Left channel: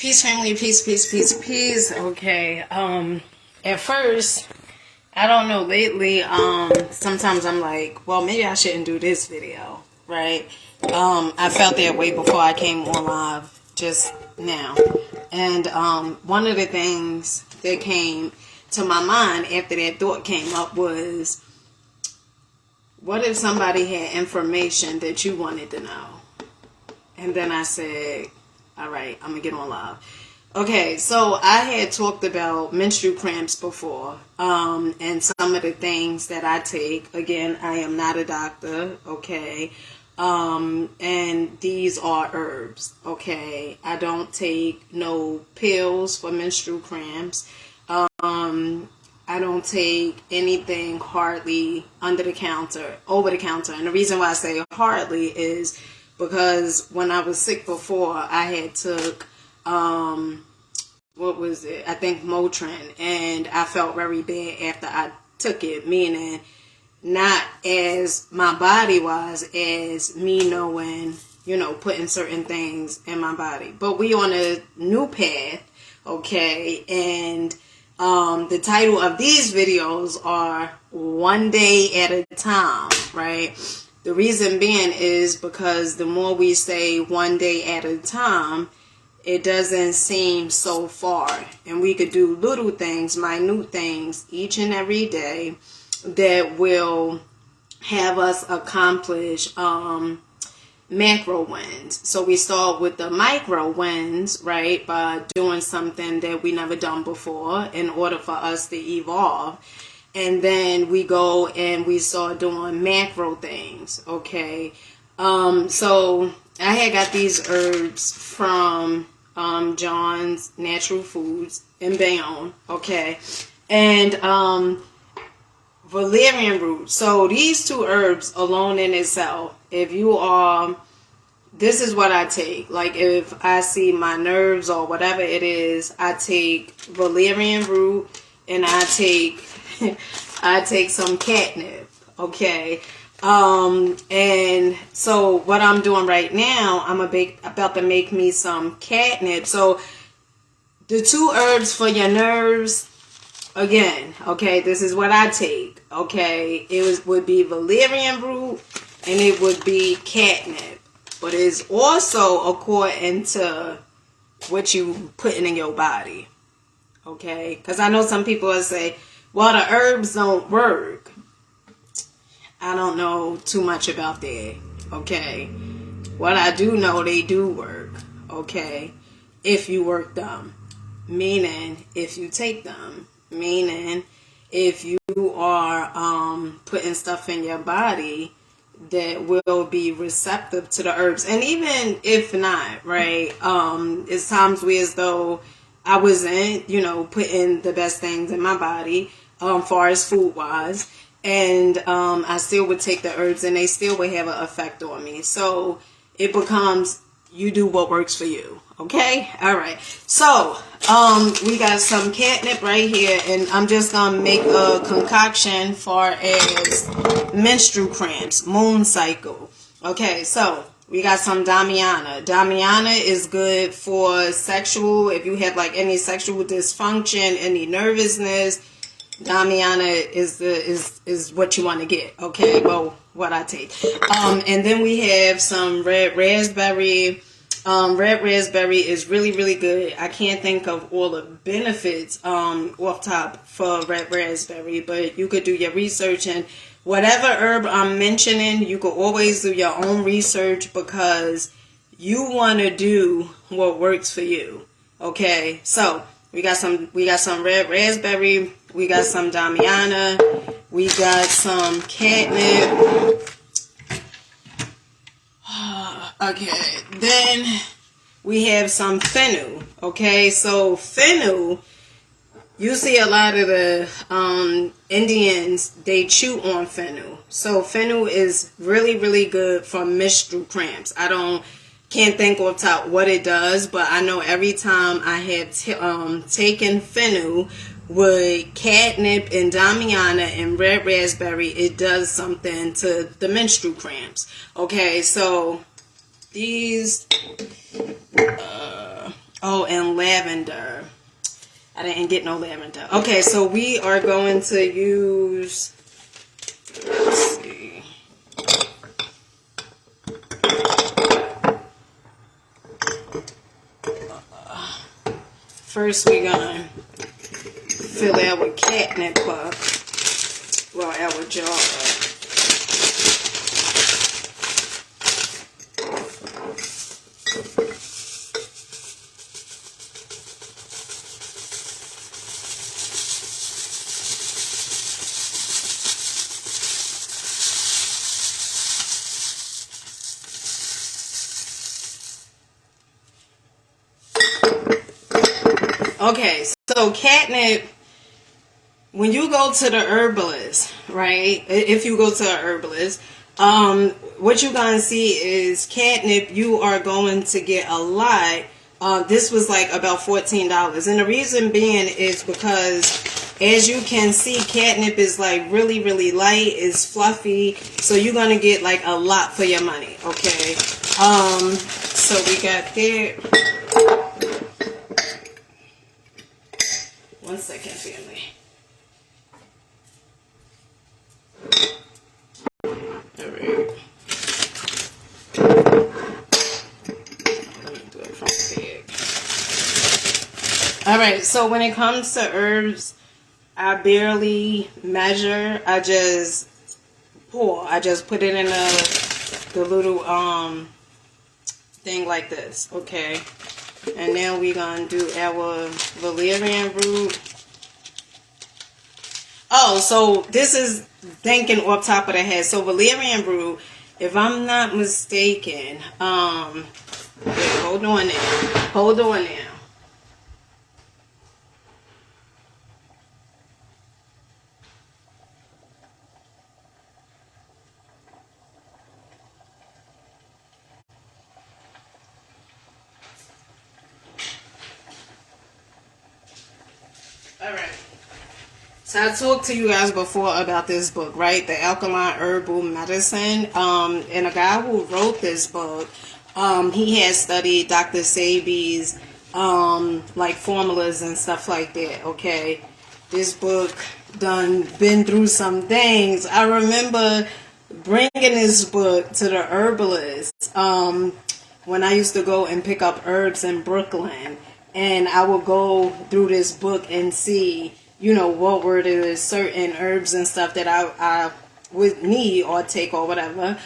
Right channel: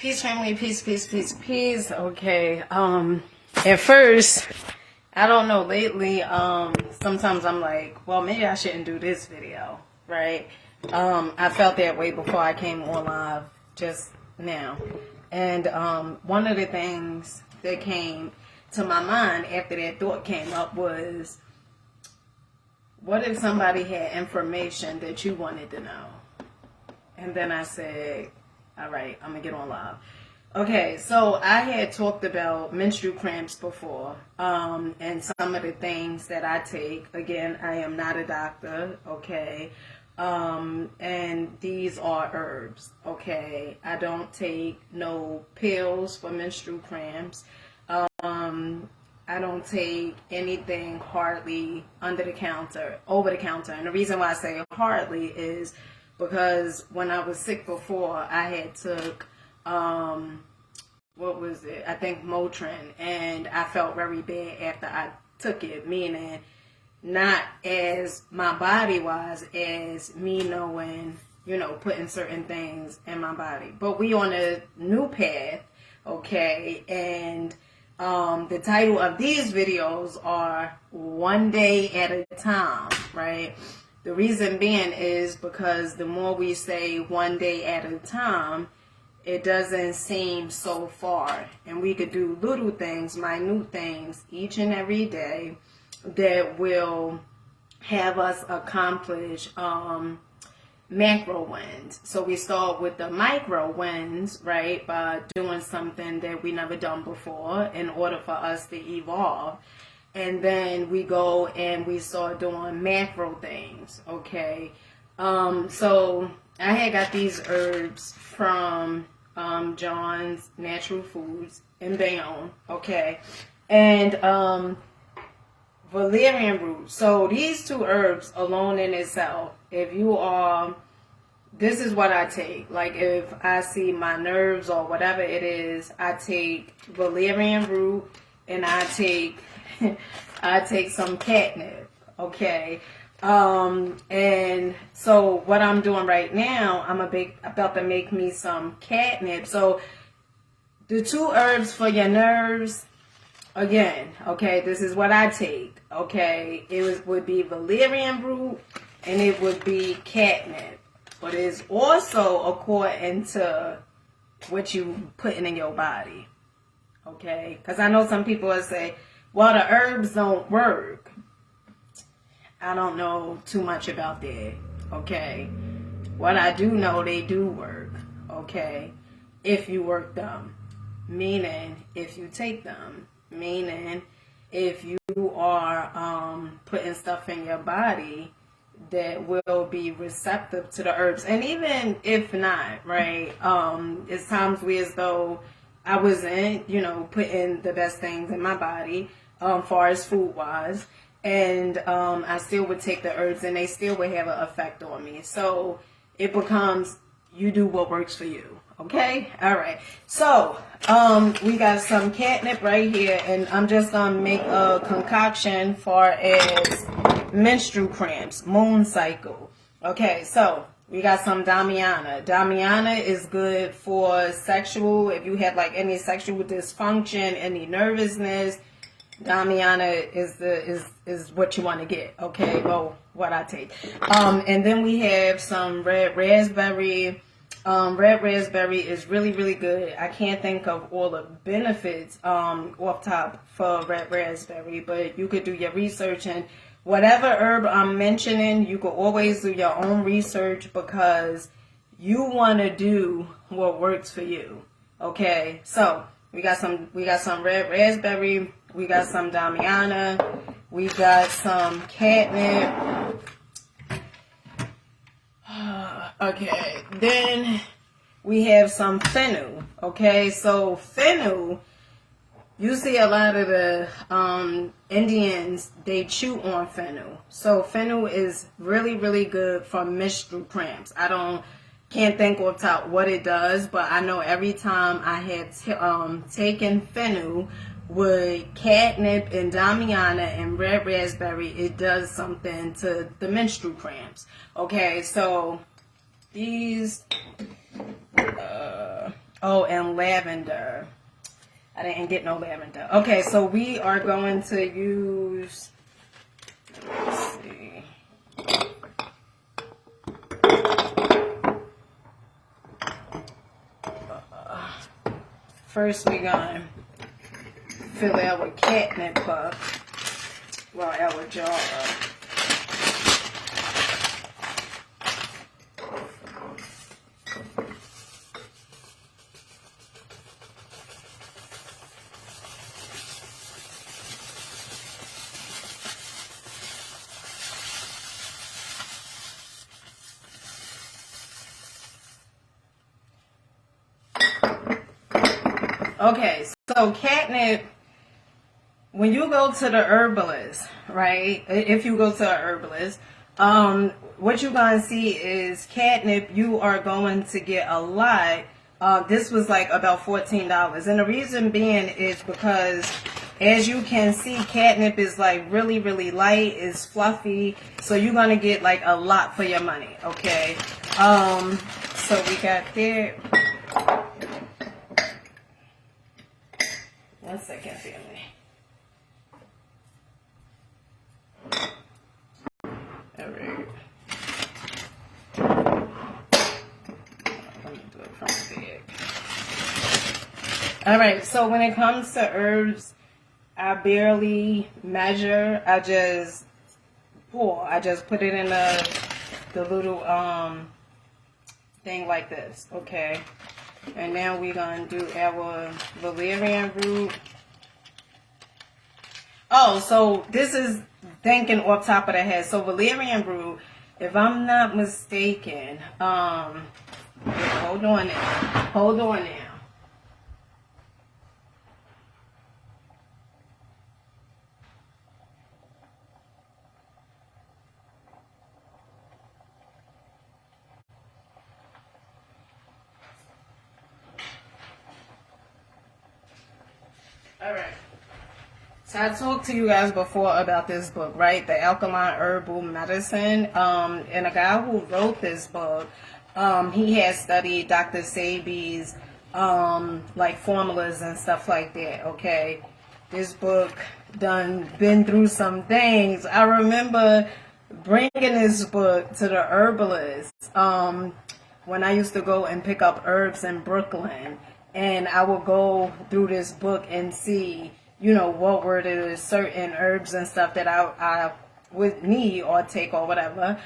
Peace, family, peace, peace, peace, peace. Okay. At first, I don't know, lately, sometimes I'm like, well, maybe I shouldn't do this video, right? I felt that way before I came on live just now. And one of the things that came to my mind after that thought came up was, what if somebody had information that you wanted to know? And then I said, all right, I'm going to get on live. Okay, so I had talked about menstrual cramps before, and some of the things that I take. Again, I am not a doctor, okay? And these are herbs, okay? I don't take no pills for menstrual cramps. I don't take anything hardly over the counter. And the reason why I say hardly is because when I was sick before, I had took, what was it? I think Motrin, and I felt very bad after I took it, meaning not as my body was, as me knowing, putting certain things in my body. But we on a new path, okay, and the title of these videos are One Day at a Time, right? The reason being is because the more we say one day at a time, it doesn't seem so far. And we could do little things, minute things, each and every day that will have us accomplish macro wins. So we start with the micro wins, right, by doing something that we never done before in order for us to evolve. And then we go and we start doing macro things, okay? So I had got these herbs from John's Natural Foods in Bayonne, okay? And valerian root. So these two herbs alone in itself, if you are, this is what I take. Like if I see my nerves or whatever it is, I take valerian root and I take some catnip, okay? And so what I'm doing right now, I'm about to make me some catnip. So the two herbs for your nerves, again, okay, this is what I take, okay? Would be valerian root and it would be catnip. But it's also according to what you putting in your body, okay? Because I know some people will say, well, the herbs don't work. I don't know too much about that, okay? What I do know, they do work, okay? If you work them, meaning if you take them, meaning if you are putting stuff in your body that will be receptive to the herbs. And even if not, right, it's times where as though I wasn't, putting the best things in my body, far as food wise, and I still would take the herbs and they still would have an effect on me. So it becomes, you do what works for you. Okay? All right. So we got some catnip right here, and I'm just gonna make a concoction for as menstrual cramps, moon cycle. Okay, so we got some Damiana. Damiana is good for sexual, if you have like any sexual dysfunction, any nervousness. Damiana is what you want to get. Okay, well, what I take. And then we have some red raspberry. Red raspberry is really, really good. I can't think of all the benefits off top for red raspberry, but you could do your research, and whatever herb I'm mentioning, you could always do your own research because you want to do what works for you. Okay, so we got some red raspberry, we got some Damiana, we got some catnip. Okay, then we have some fennel. Okay, so fennel, you see a lot of the Indians, they chew on fennel. So fennel is really, really good for menstrual cramps. Can't think off top what it does, but I know every time I have taken fennel with catnip and Damiana and red raspberry, it does something to the menstrual cramps. Okay, so these Oh, and lavender. I didn't get no lavender. Okay, so we are going to use, let's see. First, we're going to fill our catnip up. Well, our jar up. Okay, so catnip, when you go to the herbalist, right? If you go to a herbalist, what you're going to see is catnip, you are going to get a lot. This was like about $14. And the reason being is because, as you can see, catnip is like really, really light, it's fluffy. So you're going to get like a lot for your money, okay? So we got that. One second, family. All right. Let me do it from the bag. All right. So when it comes to herbs, I barely measure. I just pour. I just put it in the little thing like this. Okay. And now we're going to do our valerian root. Oh, so this is thinking off top of the head. So valerian root, if I'm not mistaken, wait, hold on now. Hold on now. All right. So I talked to you guys before about this book, right? The Alkaline Herbal Medicine. And a guy who wrote this book, he had studied Dr. Sebi's like formulas and stuff like that. Okay, this book done been through some things. I remember bringing this book to the herbalist when I used to go and pick up herbs in Brooklyn, and I would go through this book and see, you know, what were the certain herbs and stuff that I would need or take or whatever,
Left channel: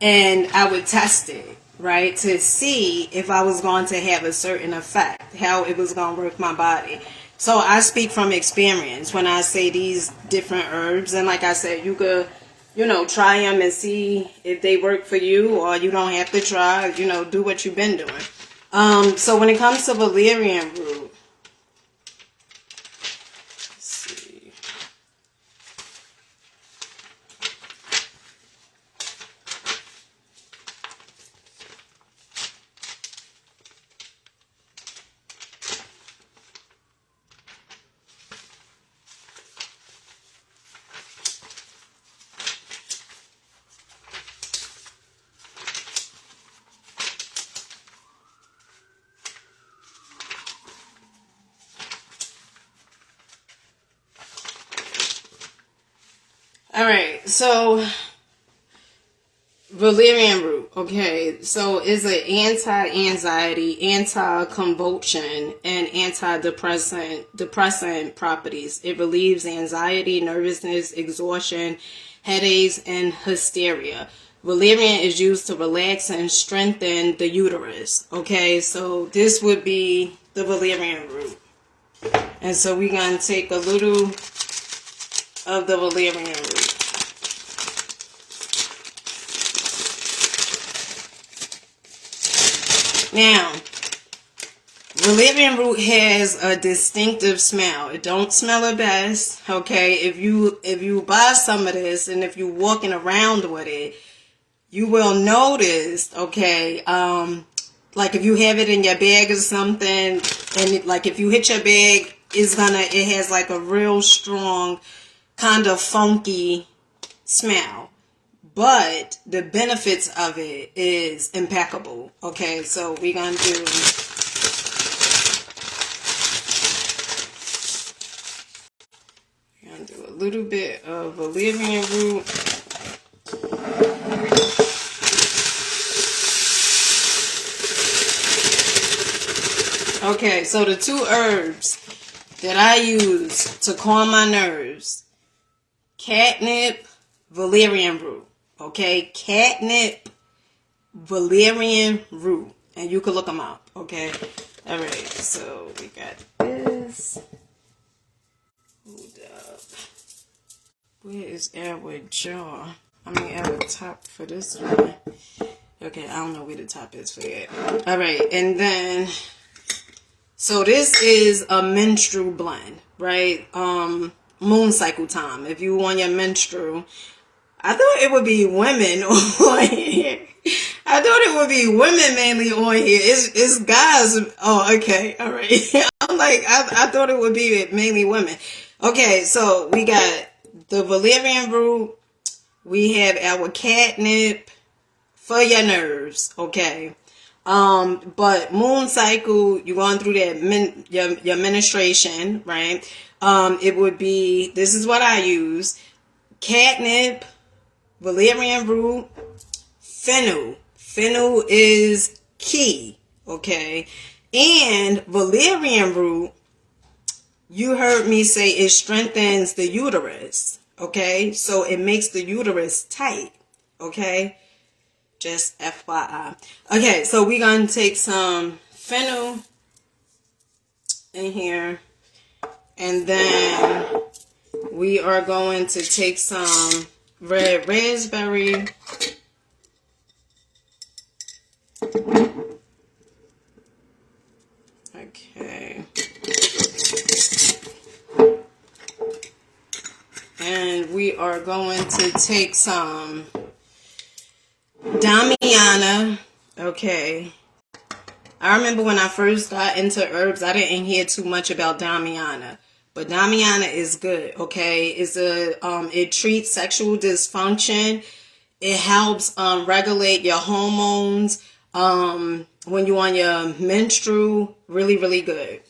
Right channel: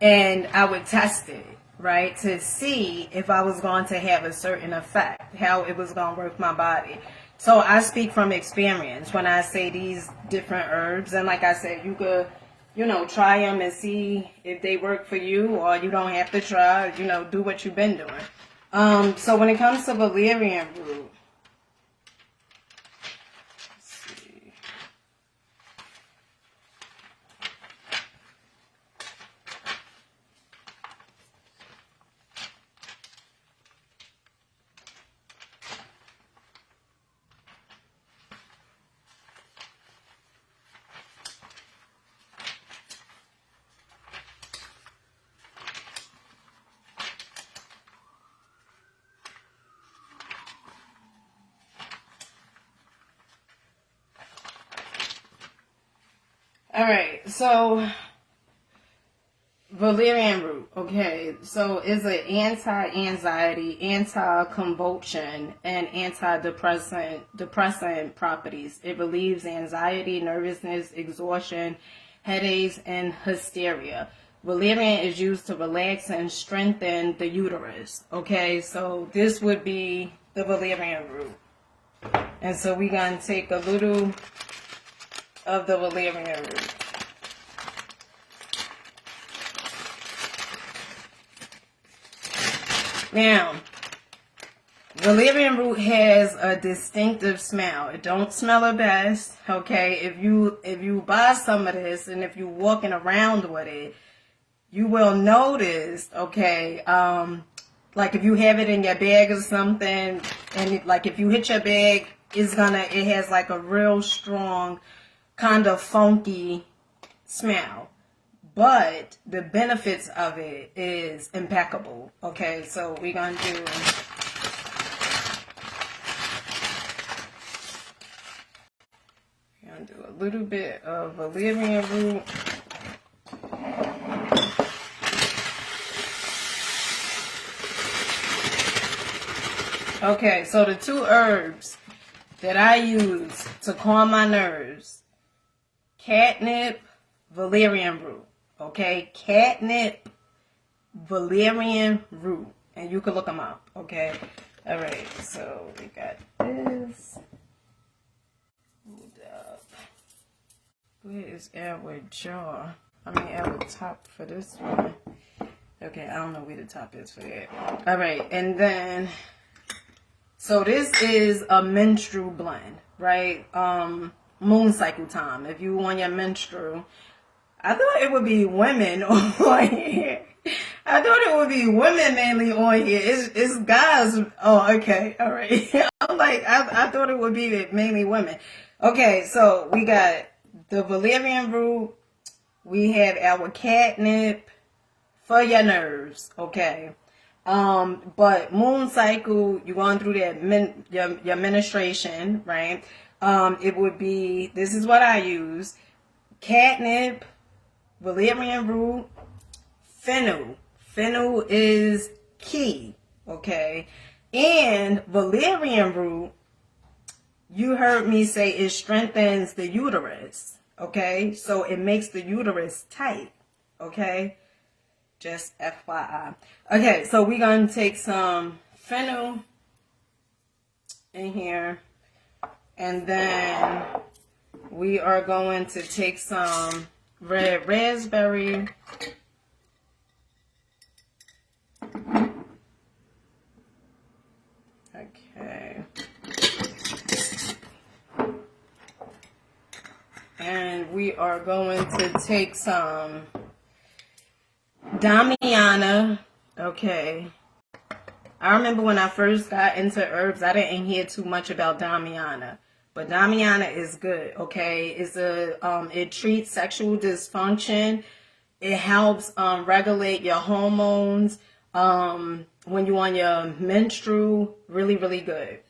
and I would test it, right, to see if I was going to have a certain effect, how it was going to work my body. So I speak from experience when I say these different herbs, and like I said, you could, you know, try them and see if they work for you, or you don't have to try, you know, do what you've been doing. So when it comes to valerian root, all right, so valerian root, okay, so it's an anti-anxiety, anti-convulsion, and depressant properties. It relieves anxiety, nervousness, exhaustion, headaches, and hysteria. Valerian is used to relax and strengthen the uterus. Okay, so this would be the valerian root. And so we're going to take a little of the valerian root. Now, valerian root has a distinctive smell. It don't smell the best, okay? If you buy some of this and if you're walking around with it, you will notice, okay, like if you have it in your bag or something, and like if you hit your bag, it has like a real strong kind of funky smell. But the benefits of it is impeccable. Okay, so we're going to do little bit of valerian root. Okay, so the two herbs that I use to calm my nerves: catnip, valerian root. Okay, catnip, valerian root, and you can look them up. Okay, all right. So we got this. Hold up. Where is our jar? I mean, our top for this one. Okay, I don't know where the top is for it. All right, and then, so this is a menstrual blend, right? Moon cycle time. If you want your menstrual, I thought it would be women on here. I thought it would be women mainly on here. It's guys. Oh, okay, all right. I'm like, I thought it would be mainly women. Okay, so we got the valerian root. We have our catnip for your nerves. Okay. But moon cycle, you're going through that your menstruation, right? It would be, this is what I use: catnip, valerian root, fennel. Fennel is key, okay? And valerian root, you heard me say it strengthens the uterus, okay? So it makes the uterus tight, okay? Just FYI. Okay, so we're going to take some fennel in here. And then we are going to take some red raspberry. Okay. And we are going to take some Damiana. Okay. I remember when I first got into herbs, I didn't hear too much about Damiana. But Damiana is good, okay? It treats sexual dysfunction. It helps regulate your hormones when you're on your menstrual. Really, really good.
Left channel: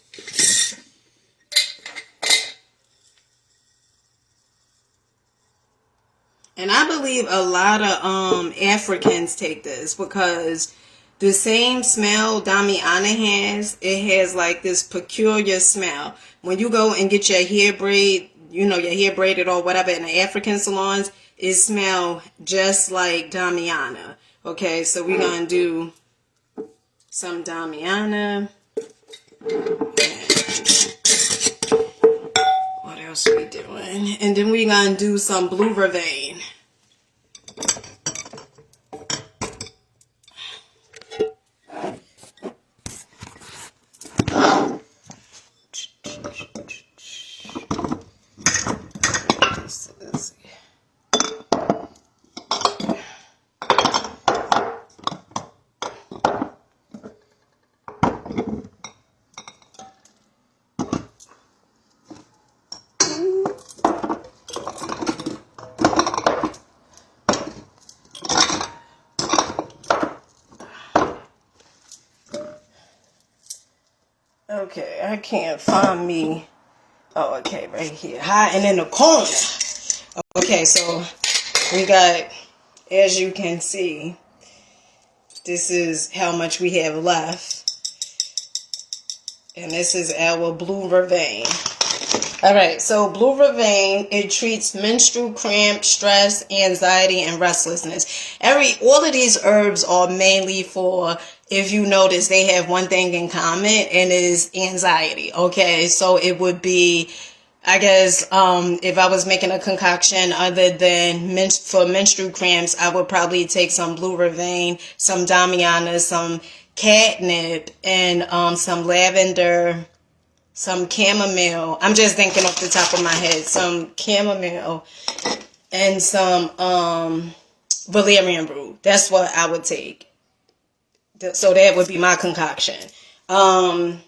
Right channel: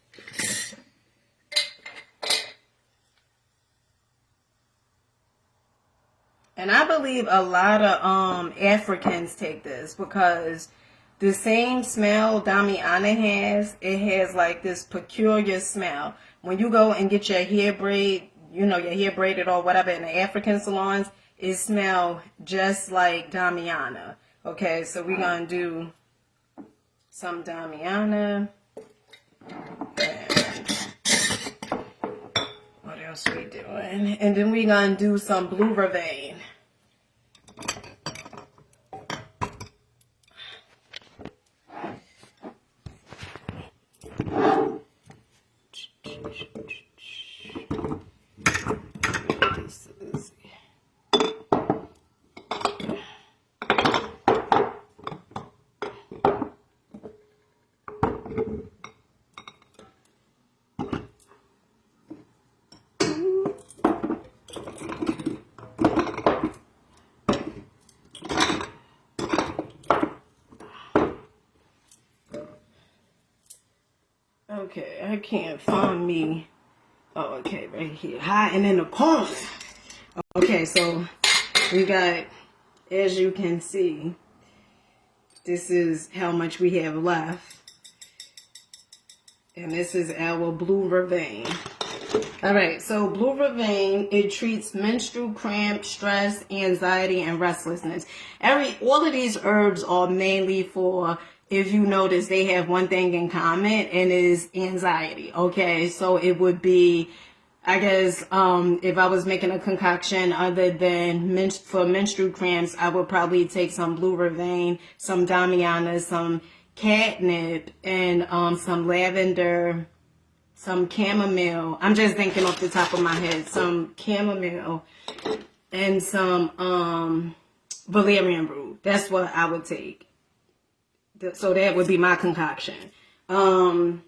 And I believe a lot of Africans take this because the same smell Damiana has, it has like this peculiar smell. When you go and get your hair braid, your hair braided or whatever in the African salons, it smells just like Damiana. Okay, so we're going to do some Damiana. And what else we doing? And then we're going to do some blue vervain. Okay, I can't find me. Oh, okay, right here. Hiding in the corner. Okay, so we got, as you can see, this is how much we have left. And this is our blue vervain. Alright, so blue vervain, it treats menstrual cramps, stress, anxiety, and restlessness. All of these herbs are mainly for, if you notice, they have one thing in common, and it is anxiety. Okay, so it would be, I guess, if I was making a concoction other than for menstrual cramps, I would probably take some blue vervain, some Damiana, some catnip, and some lavender, some chamomile. I'm just thinking off the top of my head. Some chamomile and some valerian root. That's what I would take. So that would be my concoction. So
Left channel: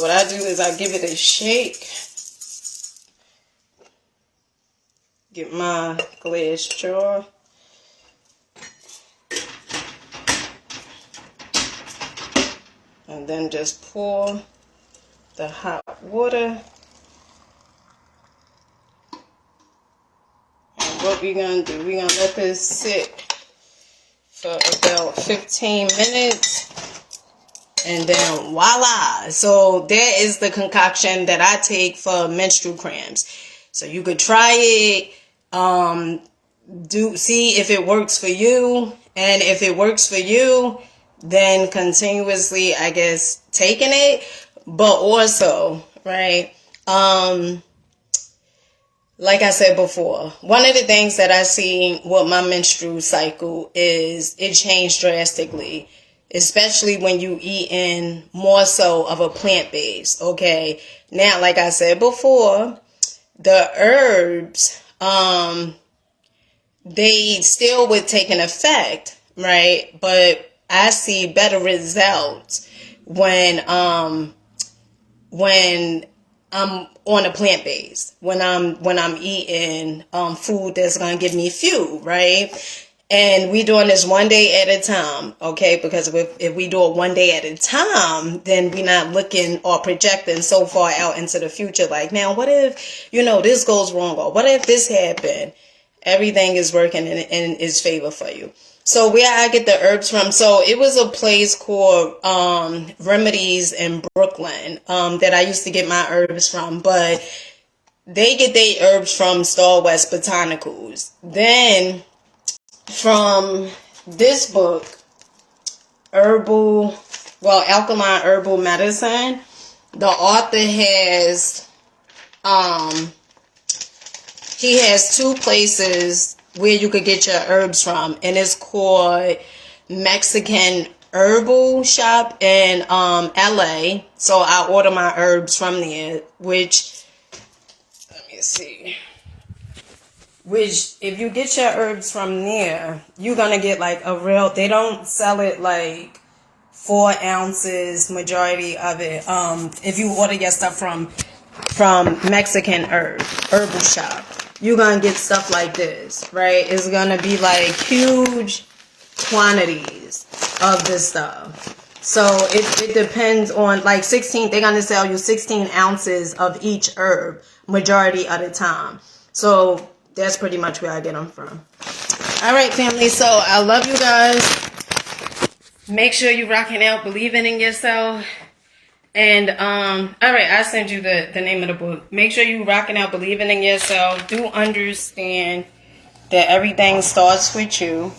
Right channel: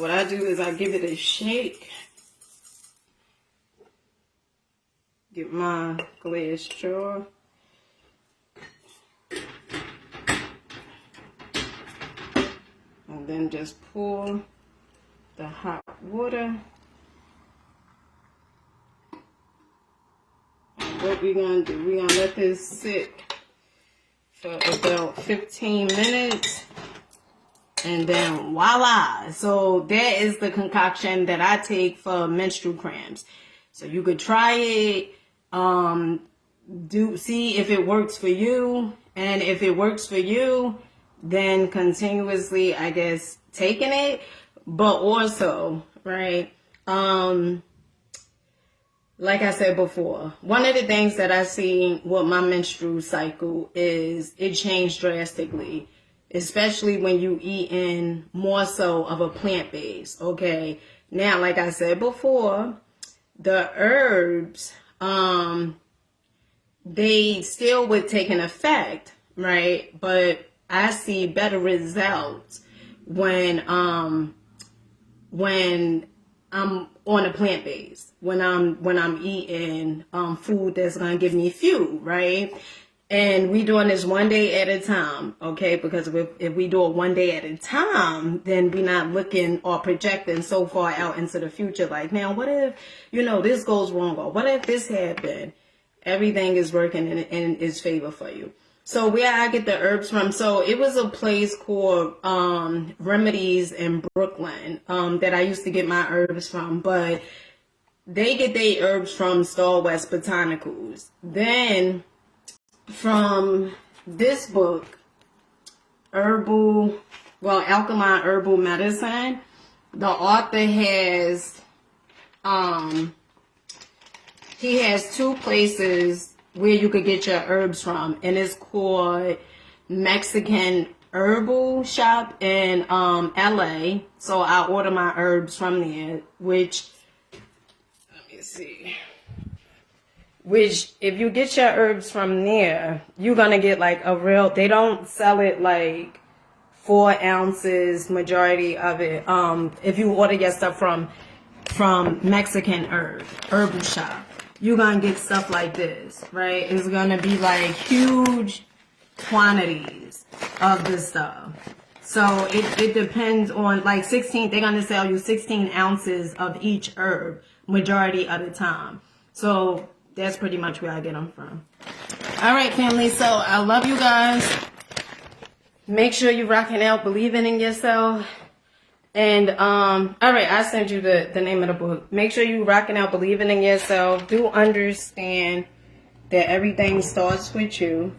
what I do is I give it a shake. Get my glass jar. And then just pour the hot water. what we're going to do. We're going to let this sit for about 15 minutes. And then voila. So that is the concoction that I take for menstrual cramps. So you could try it. See if it works for you. And if it works for you, then continuously, I guess, taking it. But also, right, like I said before, one of the things that I see with my menstrual cycle is it changed drastically, especially when you eat in more so of a plant-based, okay? Now, like I said before, the herbs, they still would take an effect, right? But I see better results when I'm on a plant base, when I'm eating food that's gonna give me fuel, right? And we doing this one day at a time, okay? Because if we do it one day at a time, then we're not looking or projecting so far out into the future. Like, now, what if, this goes wrong? Or what if this happened? Everything is working in its favor for you. So where I get the herbs from, so it was a place called Remedies in Brooklyn that I used to get my herbs from. But they get their herbs from Star West Botanicals. Then from this book, Alkaline Herbal Medicine, the author has, he has two places where you could get your herbs from, and it's called Mexican Herbal Shop in LA. So I order my herbs from there, which if you get your herbs from there, you're gonna get like they don't sell it like 4 ounces, majority of it. If you order your stuff from Mexican Herbal Shop, you're gonna get stuff like this, right? It's gonna be like huge quantities of this stuff. So it depends on, like, 16, they're gonna sell you 16 ounces of each herb majority of the time. So that's pretty much where I get them from. All right, family, so I love you guys. Make sure you're rocking out, believing in yourself. And, all right, I sent you the name of the book. Make sure you rocking out, believing in yourself. Do understand that everything starts with you.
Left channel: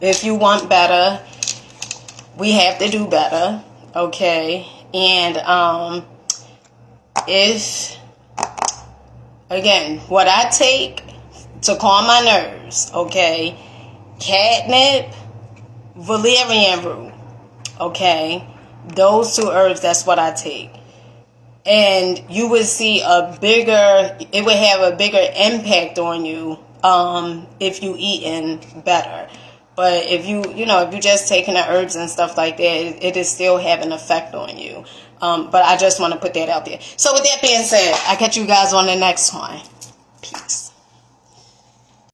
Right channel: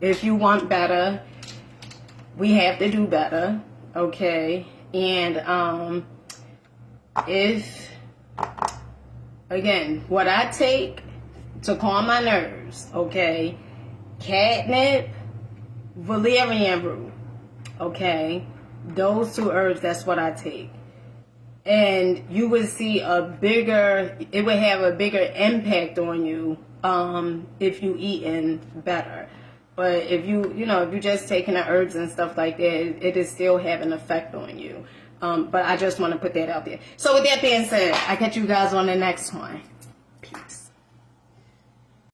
If you want better, we have to do better, okay? And, again, what I take to calm my nerves, okay? Catnip, valerian root, okay? Those 2 herbs, that's what I take. And you would see it would have a bigger impact on you if you eating better. But if you just taking the herbs and stuff like that, it is still having an effect on you. But I just want to put that out there. So with that being said, I catch you guys on the next one. Peace.